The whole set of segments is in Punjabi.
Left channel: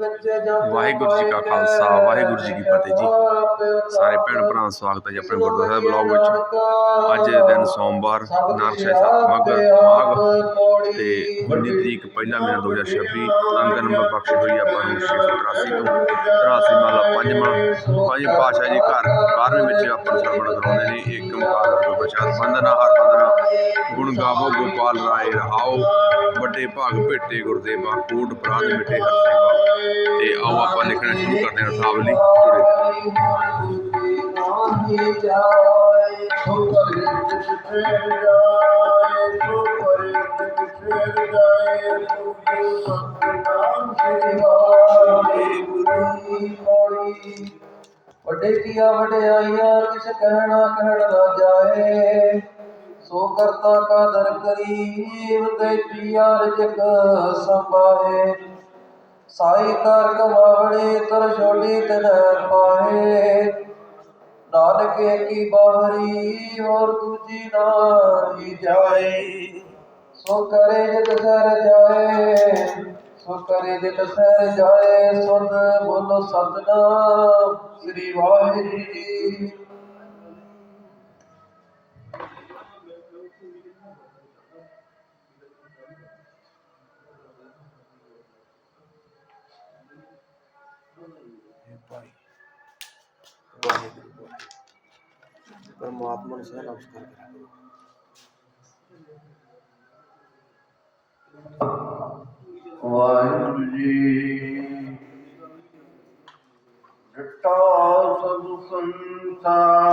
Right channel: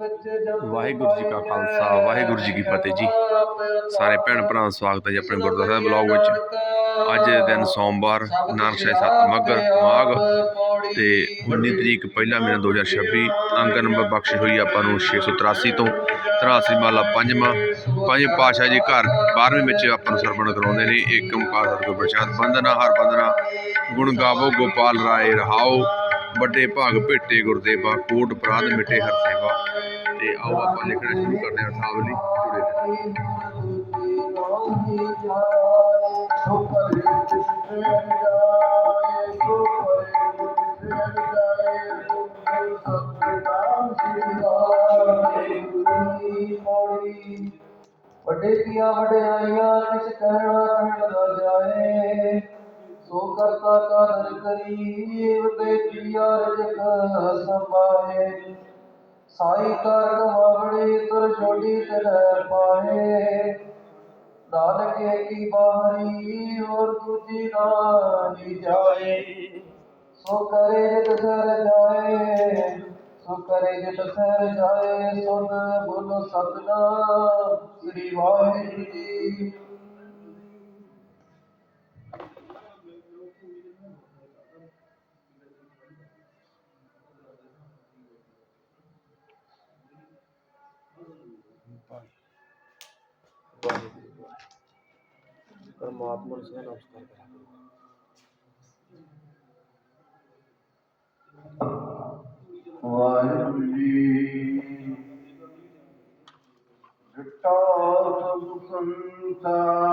ਵਾਹਿਗੁਰੂ ਜੀ ਕਾ ਖਾਲਸਾ, ਵਾਹਿਗੁਰੂ ਜੀ ਕੀ ਫਤਿਹ ਜੀ। ਸਾਰੇ ਭੈਣ ਭਰਾਵਾਂ ਦਾ ਸਵਾਗਤ ਹੈ ਜੀ ਆਪਣੇ ਗੁਰਦੁਆਰਾ ਸਾਹਿਬ ਬਲੌਗ ਵਿੱਚ। ਅੱਜ ਦੇ ਦਿਨ ਸੋਮਵਾਰ ਨਾਨਕਸ਼ਾਹੀ ਸੱਤ ਮਾਘ ਮਾਘ ਤੇ 19 ਤਰੀਕ ਪਹਿਲਾ ਮਹੀਨਾ 2026 ਅੰਕ ਨੰਬਰ ਬਖਸ਼ ਹੋਈ ਆਪਾਂ ਨੂੰ 683 ਤੋਂ। 83 ਮਾਲਾ ਪੰਜਵਾਂ ਪੰਜ ਪਾਸ਼ਾ ਜੀ ਘਰ 12ਵੇਂ ਵਿੱਚ ਆਪਾਂ ਨੂੰ ਸਰਵਣ ਕਰਾਉਂਦੇ ਨੇ। ਏਕ ਓੰਕਾਰ ਸਤਿਗੁਰ ਪ੍ਰਸ਼ਾਦ ਬੰਦਨਾ ਹਰ ਬੰਦਨਾ ਗੁਣ ਗਾਵੋ ਗੋਪਾਲ ਰਾਏ ਰਹਾਓ। ਵੱਡੇ ਭਾਗ ਭੇਟੇ ਗੁਰਦੇਵਾ, ਕੋਟ ਪ੍ਰਾਦ ਮਿਟੇ ਹਰ ਸੇਵਾ ਤੇ ਆਓ ਆਪਾਂ ਲਿਖਣਾ ਸ਼ੁਰੂ ਕਰਦੇ ਹਾਂ ਸਾਵਲੀ ਜੁੜੇ ਵੱਡੇ ਕੀਆਂ ਵਡਿਆਈਆਂ ਕਿਸ ਕਹਿਣਾ ਕਹਿਣ ਨਾ ਜਾਏ? ਸੋ ਕਰਤਾ ਕਾਦਰ ਕਰੀਮ ਤੇ ਪਿਆ ਰਜਕ ਸੰਭਾਏ ਸਾਈ ਕਾਰ ਕਮਾਵੜੇ ਤਰ ਛੋਟੀ ਤਨ ਪਾਏ। ਨਾਨਕੇ ਕੀ ਬਾਹਰੀ ਹੋਰ ਦੂਜੀ ਨਾਹੀ ਜਾਏ। ਸੋ ਕਰੇ ਜਿਤ ਸਰ ਜਾਏ, ਸੋ ਕਰੇ ਜਿਤ ਸਰ ਜਾਏ ਸੁਨ ਬੋਲੋ ਸਤਨਾਮ ਸ੍ਰੀ ਵਾਹਿਗੁਰੂ ਜੀ ਪਰਮਾਤਮਾ ਨੂੰ ਸਦਾ ਨਮਸਕਾਰ ਕਰਾਂਗੇ ਵਾਹਿਗੁਰੂ ਜੀ ਜਟਾ ਸਭ ਸੰਸਾਰ।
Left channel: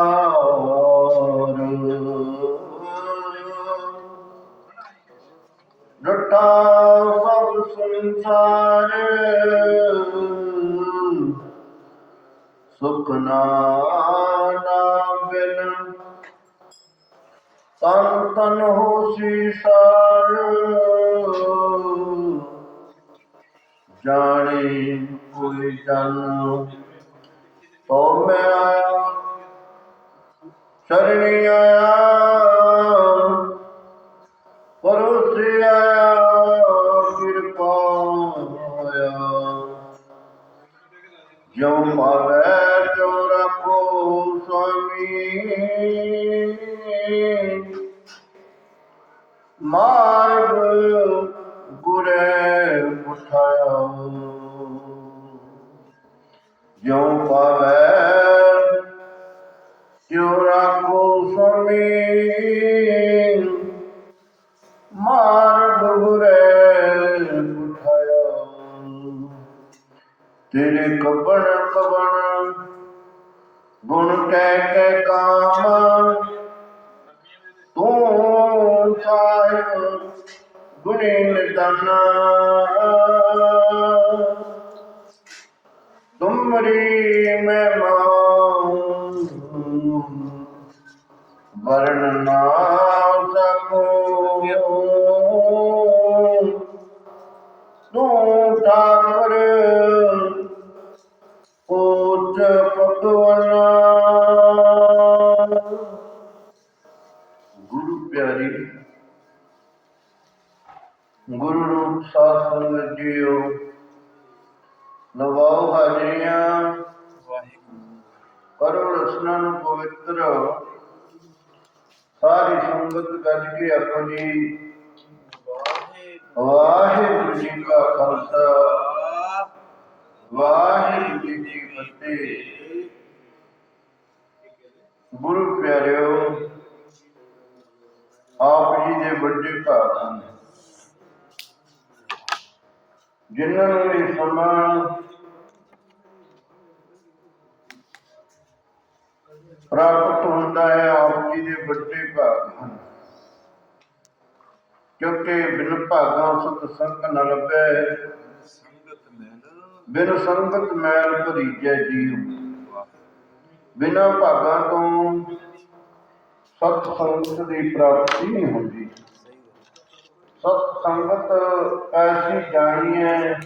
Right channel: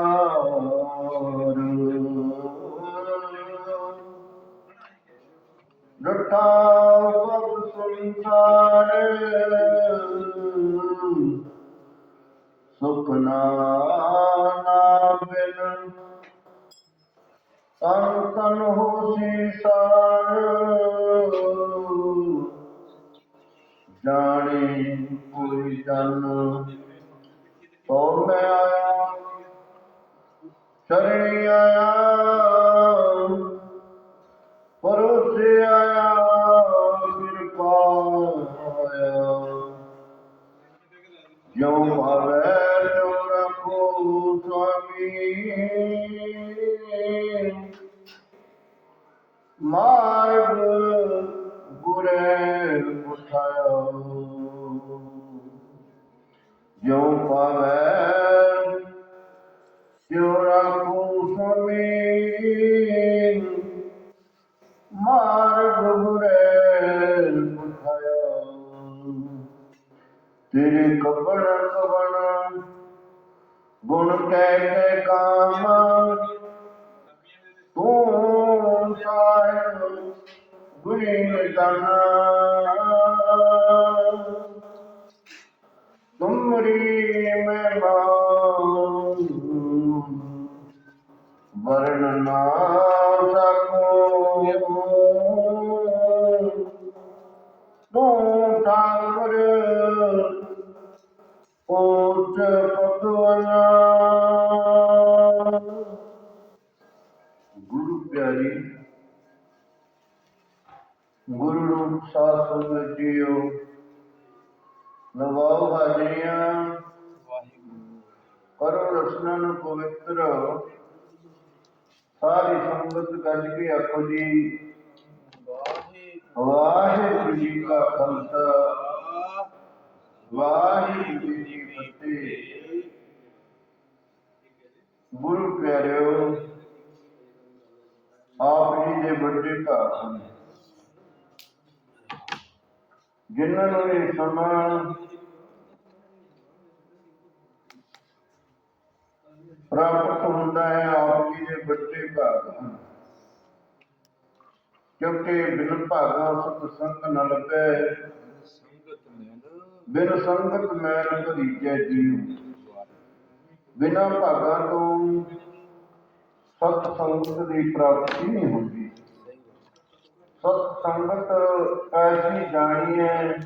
ਤਨ ਹੋਸੀ ਸਾਰ ਜਾਣੇ ਕੋਈ ਜਨ ਮਾਰਗ ਗੁਰੇ ਉਠਾਇਆ। ਜਿਉ ਪਾਵੈ ਤਿਉ ਰੱਖੋ ਸੁਆਮੀ। ਮਾਰਗ ਗੁਰੇ ਉਠਾਇਆ। ਤੇਰੇ ਕਬਣ ਕਬਣ, ਗੁਣ ਕਹਿ ਕੇ ਕਾਮ ਗੁਣੀ ਨਿਦਾਨਾ। ਤੁਮਰੀ ਮਹਿਮਾ ਵਰਣਨਾ ਨਵਾਓ ਹਾਜ਼ਰੀਆਂ। ਕਰੋ ਰਸਨਾ ਨੂੰ ਪਵਿੱਤਰ ਸਾਰੀ ਸੰਗਤ ਗੱਜ ਕੇ ਆਖੋ ਜੀ ਵਾਹਿਗੁਰੂ ਜੀ ਕਾ ਖਾਲਸਾ ਵਾਹਿਗੁਰੂ ਜੀ ਕੀ ਫਤਿਹ। ਗੁਰੂ ਪਿਆਰਿਓ ਆਪ ਜੀ ਦੇ ਵੱਡੇ ਭਾਗ ਹਨ। ਜਿਨ੍ਹਾਂ ਨੂੰ ਇਹ ਸਮਾਂ ਪ੍ਰਾਪਤ ਹੁੰਦਾ ਹੈ, ਆਪ ਜੀ ਦੇ ਵੱਡੇ ਭਾਗ ਹਨ। ਕਿਉਂਕਿ ਬਿਨ ਭਾਗਾਂ ਸਤ ਸੰਗ ਨ ਲੱਭੈ। ਸੰਗਤ ਮੈਲ ਬਿਨ ਸੰਗਤ ਮੈਲ ਭਰੀਜੈ ਜੀਉ। ਬਿਨਾਂ ਭਾਗਾਂ ਤੋਂ ਸਤ ਸੰਗਤ ਦੀ ਪ੍ਰਾਪਤੀ ਨਹੀਂ ਹੁੰਦੀ। ਸਤ ਸੰਗਤ ਐਸੀ ਜਾਣੀ ਹੈ,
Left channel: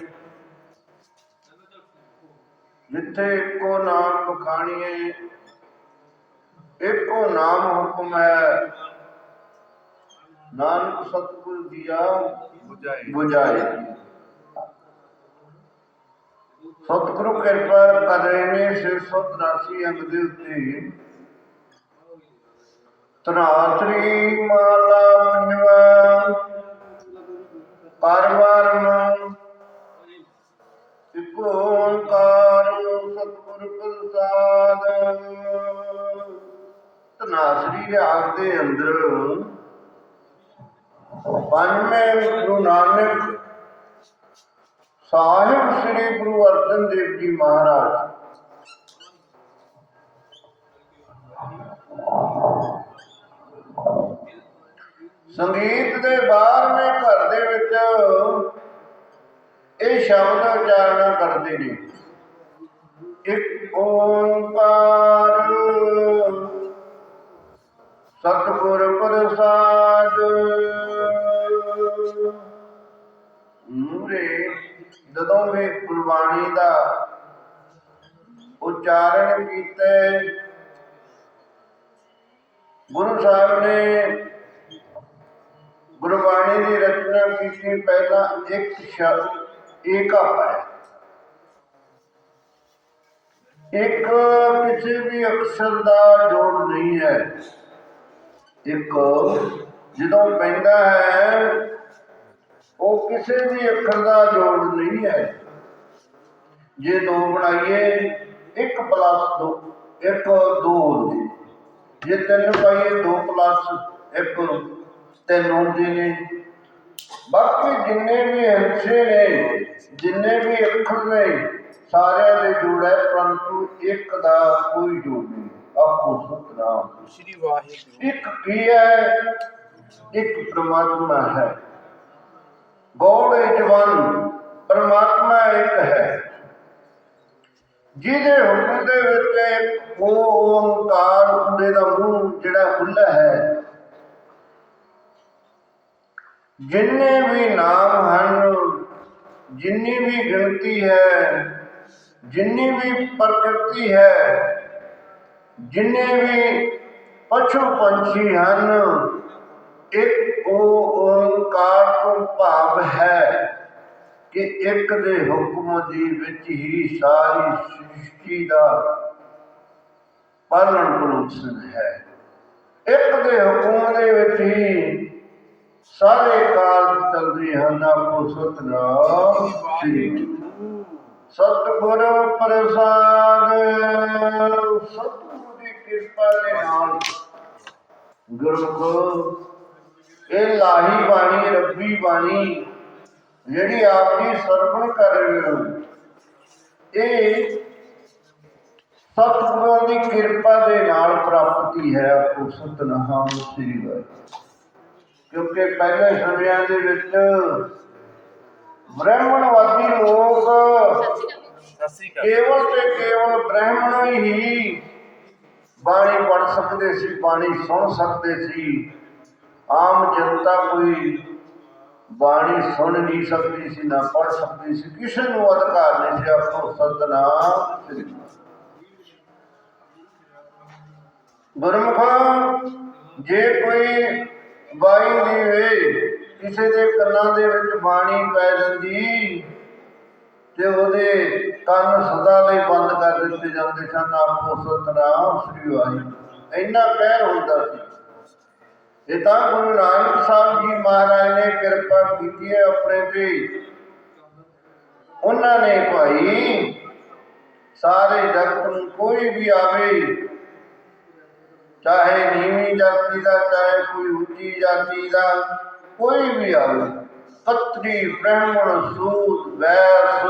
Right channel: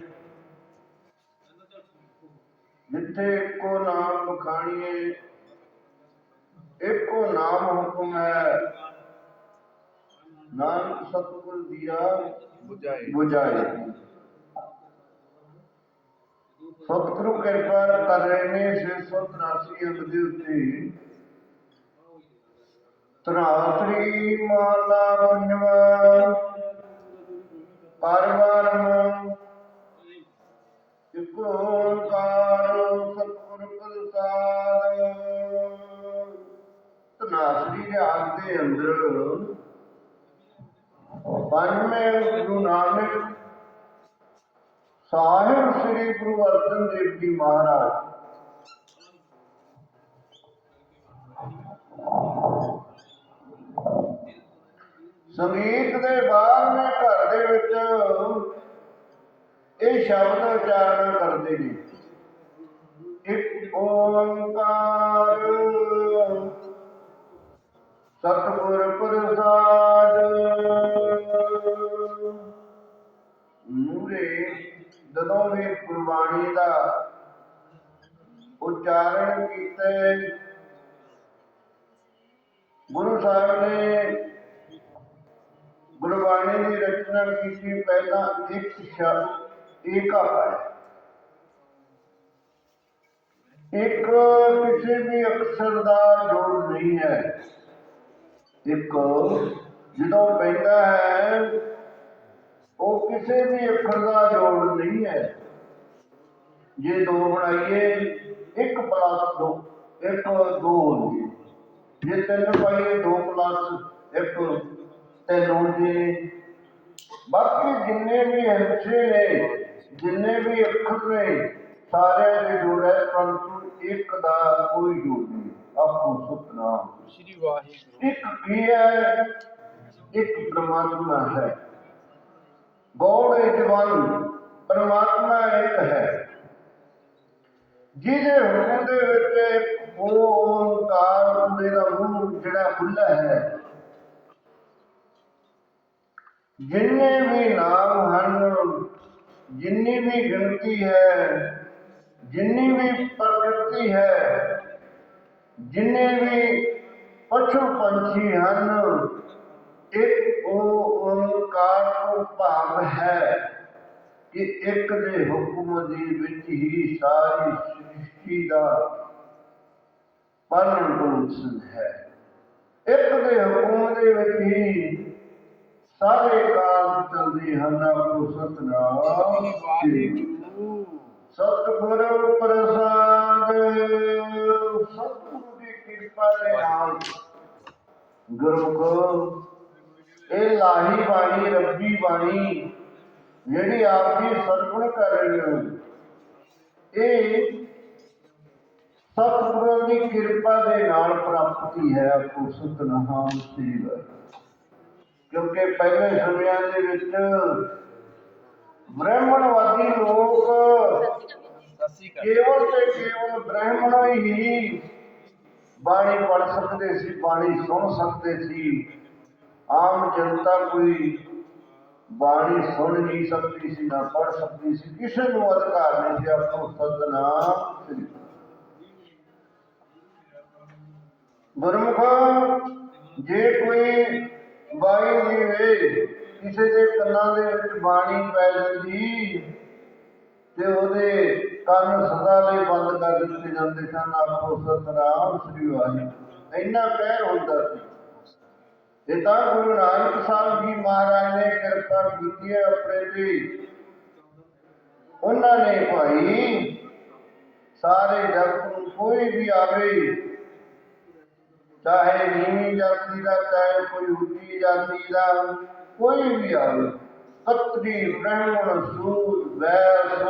ਜਿੱਥੇ ਇੱਕੋ ਨਾਮ ਬਖਾਣੀਏ ਇੱਕੋ ਨਾਮ ਹੁਕਮ ਹੈ। ਨਾਨਕ ਸਤਿਗੁਰ ਦੀਆ ਬੁਝਾਏ। ਬੁਝਾਏ। ਸਤਿਗੁਰੂ ਕਿਰਪਾ ਕਰੇ ਨੇ 683 ਅੰਗ ਦੇ ਉੱਤੇ। ਤਰਾਸਰੀ ਮਾਲਾ ਪੰਜਵਾ। ਪਰਵਾਰਮ ਇਕ ਓੰਕਾਰ ਤਨਾਸਰੀ ਦੇ ਅੰਦਰ ਪੰਜਵੇਂ ਗੁਰੂ ਨਾਨਕ ਸਾਹਿਬ ਸ੍ਰੀ ਗੁਰੂ ਅਰਜਨ ਦੇਵ ਜੀ ਮਹਾਰਾਜ। ਸੰਗੀਤ ਦੇ 12ਵੇਂ ਘਰ ਦੇ ਵਿੱਚ ਇਹ ਸ਼ਬਦ ਉਚਾਰਨ ਕਰਦੇ ਨੇ। ਇੱਕ ਓੰਕਾਰ ਸਤਿਗੁਰ ਪ੍ਰਸਾਦ। ਮੂਰੇ ਜਦੋਂ ਵੀ ਗੁਰਬਾਣੀ ਦਾ ਉਚਾਰਨ ਕੀਤੇ, ਗੁਰੂ ਸਾਹਿਬ ਨੇ ਗੁਰਬਾਣੀ ਦੀ ਰਚਨਾ ਕੀਤੀ, ਪਹਿਲਾਂ ਇੱਕ ਸ਼ਬਦ, ਏਕਾ ਹੈ। ਇੱਕ ਕਿਸੇ ਵੀ ਅਕਸ਼ਰ ਦਾ ਜੋੜ ਨਹੀਂ ਹੈ। ਇੱਕ ਜਦੋਂ ਪੈਂਦਾ ਹੈ, ਉਹ ਕਿਸੇ ਵੀ ਅੱਖਰ ਦਾ ਜੋੜ ਨਹੀਂ ਹੈ। ਜੇ ਦੋ ਬਣਾਈਏ 1 ਪਲੱਸ 2 1 2 ਹੁੰਦੀ। ਜੇ ਤਿੰਨ ਪਾਈਏ 2 ਪਲੱਸ 1 ਤਿੰਨ ਹੁੰਦੇ ਨੇ। ਬਾਕੀ ਜਿੰਨੇ ਵੀ ਹਿੱਸੇ ਨੇ, ਜਿੰਨੇ ਵੀ ਅੱਖਰ ਨੇ, ਸਾਰਿਆਂ ਦੇ ਜੋੜ ਹੈ, ਪਰੰਤੂ ਇੱਕ ਦਾ ਕੋਈ ਜੋੜ ਨਹੀਂ। ਆਪੋ ਸਤਨਾਮ ਸ਼੍ਰੀ ਵਾਹਿਗੁਰੂ। ਇੱਕ ਕੀ ਹੈ? ਇੱਕ ਪ੍ਰਮਾਤਮਾ ਹੈ। ਗੋਡ ਇਜ ਵਨ ਪ੍ਰਮਾਤਮਾ ਇੱਕ ਹੈ। ਜਿਹਦੇ ਹੁਕਮ ਦੇ ਵਿੱਚ ਉਹ ਓੰਕਾਰ ਉਹਦੇ ਦਾ ਮੂੰਹ ਜਿਹੜਾ ਖੁੱਲਾ ਹੈ। ਜਿੰਨੇ ਵੀ ਨਾਮ ਹਨ ਜਿੰਨੀ ਵੀ ਗਿਣਤੀ ਹੈ ਜਿੰਨੀ ਵੀ ਪ੍ਰਕਿਰਤੀ ਹੈ ਜਿੰਨੇ ਵੀ ਪਸ਼ੂ ਪੰਛੀ ਹਨ, ਇੱਕ ਉਹ ਓੰਕਾਰ ਤੋਂ ਭਾਵ ਹੈ ਕਿ ਇੱਕ ਦੇ ਹੁਕਮ ਦੀ ਵਿੱਚ ਹੀ ਸਾਰੀ ਸ੍ਰਿਸ਼ਟੀ ਦਾ ਪਾਲਣ ਪੋਸ਼ਣ ਹੈ। ਇੱਕ ਦੇ ਹੁਕਮ ਦੇ ਵਿੱਚ ਹੀ ਸਾਰੇ ਕਾਰਜ ਚੱਲਦੇ ਹਨ। ਆਪੋ ਸਤਨਾਮ ਸ੍ਰੀ ਸਤਿਗੁਰ ਪ੍ਰਸਾਦ। ਸਤਿਗੁਰੂ ਕਿਰਪਾ ਦੇ ਨਾਲ। ਗੁਰੂ ਇਹ ਲਾਹੀ ਬਾਣੀ ਰੱਬੀ ਬਾਣੀ ਜਿਹੜੀ ਆਪ ਜੀ ਸਰਵਣ ਕਰ ਰਹੇ ਹੋ ਇਹ ਸਤਿਗੁਰਾਂ ਦੀ ਕਿਰਪਾ ਦੇ ਨਾਲ ਪ੍ਰਾਪਤੀ ਹੈ ਆਪੋ ਸਤਨਾਮ ਸ੍ਰੀ ਵਾਹਿਗੁਰੂ। ਕਿਉਂਕਿ ਪਹਿਲੇ ਸਮਿਆਂ ਦੇ ਵਿੱਚ ਬ੍ਰਾਹਮਣਵਾਦੀ ਲੋਕ ਸਤਿ ਸ੍ਰੀ ਅਕਾਲ। ਕੇਵਲ ਤੇ ਕੇਵਲ ਬ੍ਰਾਹਮਣ ਹੀ ਬਾਣੀ ਪੜ ਸਕਦੇ ਸੀ, ਬਾਣੀ ਸੁਣ ਸਕਦੇ ਸੀ। ਆਮ ਜਨਤਾ ਕੋਈ ਬਾਣੀ ਸੁਣ ਨਹੀਂ ਸਕਦੀ ਸੀ, ਨਾ ਪੜ ਸਕਦੀ ਸੀ। ਕਿਸੇ ਨੂੰ ਅਧਿਕਾਰ ਨਹੀਂ ਸੀ ਆਪੋ ਸਤਨਾਮ ਸ੍ਰੀ ਗੁਰਮੁਖ, ਜੇ ਕੋਈ ਬਾਈ ਦੀ ਵੇ, ਕਿਸੇ ਦੇ ਕੰਨਾਂ ਦੇ ਵਿੱਚ ਬਾਣੀ ਪੈ ਜਾਂਦੀ ਤੇ ਉਹਦੇ ਕੰਨ ਸਦਾ ਲਈ ਬੰਦ ਕਰ ਦਿੱਤੇ ਜਾਂਦੇ ਸਨ। ਆਪੋ ਸਤਨਾਮ ਸ੍ਰੀ ਵਾਹਿਗੁਰੂ ਇੰਨਾ ਕਹਿਰ ਹੁੰਦਾ ਸੀ। ਇਹ ਤਾਂ ਗੁਰੂ ਨਾਨਕ ਸਾਹਿਬ ਜੀ ਮਹਾਰਾਜ ਨੇ ਕਿਰਪਾ ਕੀਤੀ ਹੈ ਆਪਣੇ ਤੇ, ਉਹਨਾਂ ਨੇ ਭਾਈ, ਸਾਰੇ ਜਗਤ ਨੂੰ ਕੋਈ ਵੀ ਆਵੇ, ਚਾਹੇ ਨੀਵੀਂ ਜਾਤੀ ਦਾ, ਚਾਹੇ ਕੋਈ ਉੱਚੀ ਜਾਤੀ ਦਾ, ਕੋਈ ਵੀ ਆਵੇ ਕਤਰੀ ਬ੍ਰਾਹਮਣ ਸੂਦ ਵੈਸ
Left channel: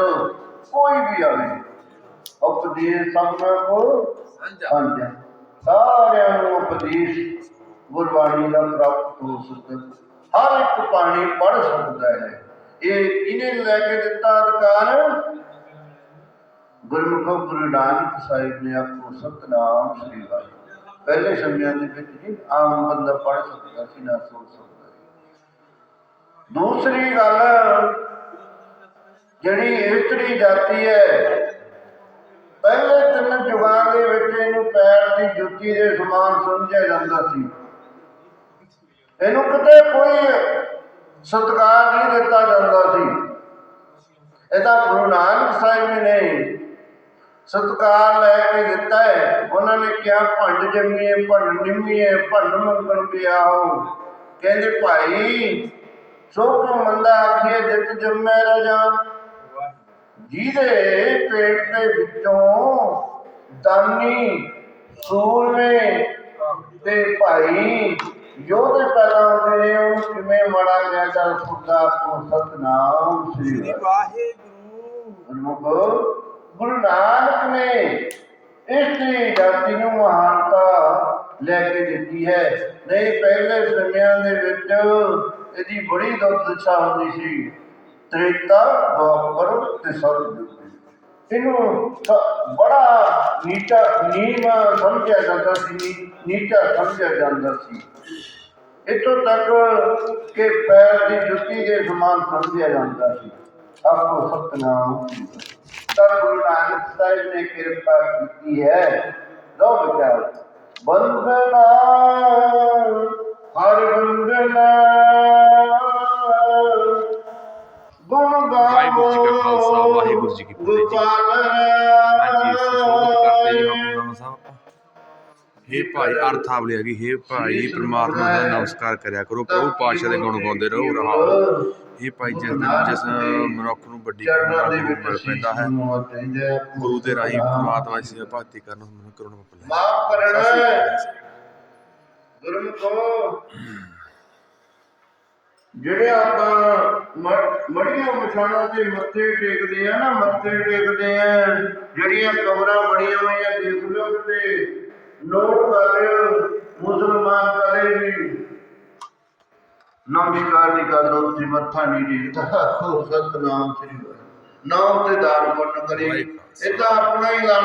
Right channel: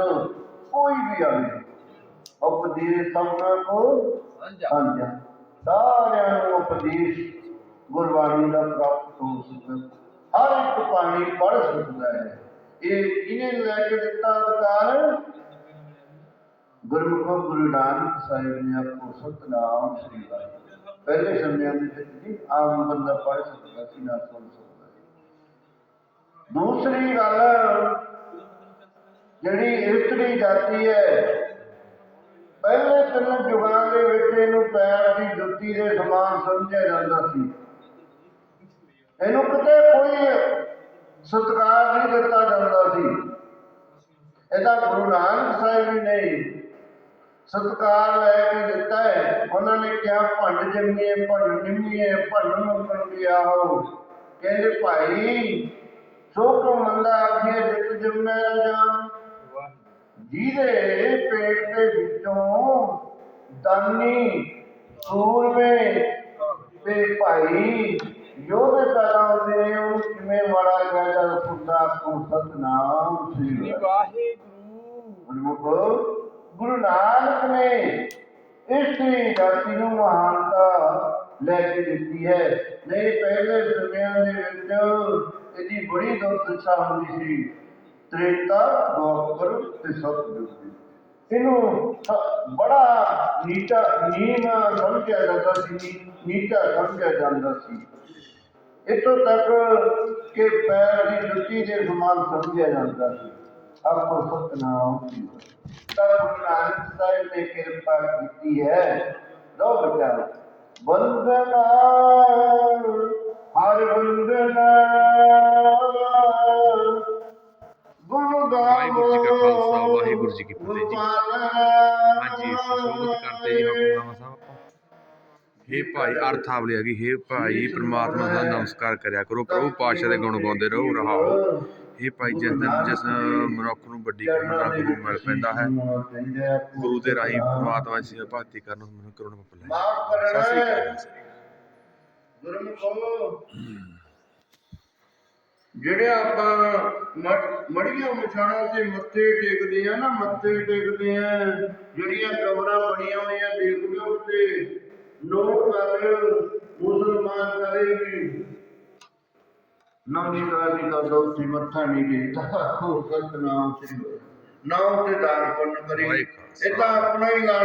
ਕੋਈ ਵੀ ਆਵੇ। ਉਪਦੇਸ਼ ਸੰਗਤ ਕੋ ਸਾਂਝਾ। ਸਾਰਿਆਂ ਨੂੰ ਉਪਦੇਸ਼ ਗੁਰਬਾਣੀ ਦਾ ਪ੍ਰਾਪਤ ਹੋ ਸਕਦਾ। ਹਰ ਇੱਕ ਬਾਣੀ ਪੜ ਸਕਦਾ ਹੈ। ਇਹ ਕਿਹਨੇ ਲੈ ਕੇ ਦਿੱਤਾ ਅਧਿਕਾਰ। ਗੁਰਮੁਖ ਗੁਰੂ ਨਾਨਕ ਸਾਹਿਬ ਨੇ ਆਪੋ ਸਤਨਾਮ ਸ੍ਰੀ ਵਾਹਿਗੁਰੂ। ਪਹਿਲੇ ਸਮਿਆਂ ਦੇ ਵਿੱਚ ਜੀ ਆਮ ਬੰਦਾ ਪੜ ਸਕਦਾ ਸੀ ਨਾ ਸੁਣ ਸਕਦਾ ਦੂਸਰੀ ਗੱਲ ਜਿਹੜੀ ਇਸਤਰੀ ਜਾਤੀ ਹੈ, ਪਹਿਲੇ ਤਿੰਨ ਯੁਗਾਂ ਦੇ ਵਿੱਚ ਇਹਨੂੰ ਪੈਰ ਦੀ ਜੁੱਤੀ ਦੇ ਸਮਾਨ ਸਮਝਿਆ ਜਾਂਦਾ ਸੀ। ਇਹਨੂੰ ਕਿਤੇ ਕੋਈ ਸਤਿਕਾਰ ਨਹੀਂ ਦਿੱਤਾ ਜਾਂਦਾ ਸੀ। ਇਹਦਾ ਗੁਰੂ ਨਾਨਕ ਸਾਹਿਬ ਜੀ ਨੇ ਸਤਕਾਰ ਲੈ ਕੇ ਦਿੱਤਾ ਹੈ। ਉਹਨਾਂ ਨੇ ਕਿਹਾ, ਭੰਡ ਜੰਮੀਏ, ਭੰਡ ਨਿੰਮੀਏ, ਭੰਡ ਮੰਗਣ ਪਿਆ ਹੋ। ਕਹਿੰਦੇ, ਭਾਈ, ਸੋ ਕੋ ਮੰਦਾ ਆਖੀਏ ਜਿਤ ਜੰਮੈ ਰਜਾਨ। ਜਿਹਦੇ ਪੇਟ ਦੇ ਵਿੱਚੋਂ ਦਾਨੀ ਸੂਰਮੇ ਤੇ ਭਾਈ ਯੋਧੇ ਪੈਦਾ ਹੁੰਦੇ ਨੇ ਉਹ ਕਿਵੇਂ ਮਾੜਾ ਕਹਿੰਦਾ ਸੁਣਦਾ ਕੋ ਸਤਨਾਮ ਸ੍ਰੀ ਵਾਹਿਗੁਰੂ। ਗੁਰਮੁਖ ਗੁਰੂ ਨਾਨਕ ਨੇ ਇਸ ਦੀ ਜਾਤੀ ਨੂੰ ਮਹਾਨਤਾ ਲੈ ਕੇ ਦਿੱਤੀ ਹੈ। ਨਹੀਂ ਪਹਿਲੇ ਸਮਿਆਂ ਦੇ ਵਿੱਚ ਇਹਦੀ ਬੜੀ ਦੁਰਦਸ਼ਾ ਹੁੰਦੀ ਸੀ। ਤ੍ਰੇਤਾ ਦੁਆਪਰ ਤੇ ਸਤਯੁਗ ਦੇ ਵਿੱਚ। ਇਹਨੂੰ ਸ- ਬੜਾ ਨੀਚਾ ਨੀਮ ਸਮਝਿਆ ਜਾਂਦਾ ਸੀ ਨੀ- ਨੀਚਾ ਸਮਝਿਆ ਜਾਂਦਾ ਸੀ ਇੱਥੋਂ ਤੱਕ ਕਿ ਪੈਰ ਦੀ ਜੁੱਤੀ ਦੇ ਸਮਾਨ ਸਮਝਿਆ ਜਾਂਦਾ ਸੀ ਆਪੋ ਸਤਨਾਮ ਤਾਂ ਗੁਰੂ ਨਾਨਕ ਸਾਹਿਬ ਨੇ ਕਿਰਪਾ ਕੀਤੀ ਹੈ ਵਾਹਿਗੁਰੂ ਜੀ ਕਾ ਖਾਲਸਾ, ਵਾਹਿਗੁਰੂ ਜੀ ਕੀ ਫਤਿਹ ਜੀ। ਹਾਂਜੀ ਸੰਸ਼ੋਧਨ ਕਰਦੇ ਜੀ ਹੁਕਮਨਾਮਾ ਸਾਹਿਬ ਹੇ ਭਾਈ ਅਰਥਾਵਲੀ ਹੈਗੀ। ਹੇ ਭਾਈ ਪ੍ਰਮਾਤਮਾ ਦਾ ਨਮਸਕਾਰ ਕਰਿਆ ਕਰੋ। ਪ੍ਰਭੂ ਪਾਤਸ਼ਾਹ ਦੇ ਗੁਣ ਗਾਉਂਦੇ ਰਹੋ ਰਹਾਓ ਹੇ। ਭਾਈ ਜਿਸ ਦਿਨ ਜਿਸ ਮਨੁੱਖ ਨੂੰ ਵੱਡੀ ਕਰੁਣਾ ਗੁਰੂ ਮਿਲ ਪੈਂਦਾ ਹੈ ਗੁਰੂ ਦੇ ਰਾਹੀਂ ਪ੍ਰਮਾਤਮਾ ਦੀ ਸੇਵਾ ਭਗਤੀ ਕਰਨ ਨੂੰ ਕਰੁਣਾ ਮਿਲੇ ਮਾਫ ਕਰਨਾ ਗੁਰਮੁਖੋ। ਜਿਹੜੇ ਆਪਾਂ ਮੜੀਆਂ ਮਛਾਣਾ ਤੇ ਮੱਥੇ ਟੇਕਦੇ ਆ ਨਾ ਮੱਥੇ ਟੇਕਦੇ ਆ ਜਿਹੜੀਆਂ ਕਬਰਾਂ ਬਣੀਆਂ ਹੋਈਆਂ ਦੇਖ ਲਓ ਤੇ ਨੋਟ ਕਰ ਲਿਓ ਮੁਸਲਮਾਨ ਕਦੇ ਵੀ। ਨਮਸਕਾਰ ਨਹੀਂ ਕਰਦਾ ਉੱਥੇ ਮੱਥਾ ਨਹੀਂ ਟੇਕਦਾ। ਸੋ ਸਤਨਾਮ ਸ੍ਰੀ ਵਾਹਿਗੁਰੂ ਨਾ ਉੱਤੇ ਦਾਨ ਪੁੰਨ ਕਰੇ ਇਹ ਤਾਂ ਆਪਣਾ ਹੀ ਗਾਣਾ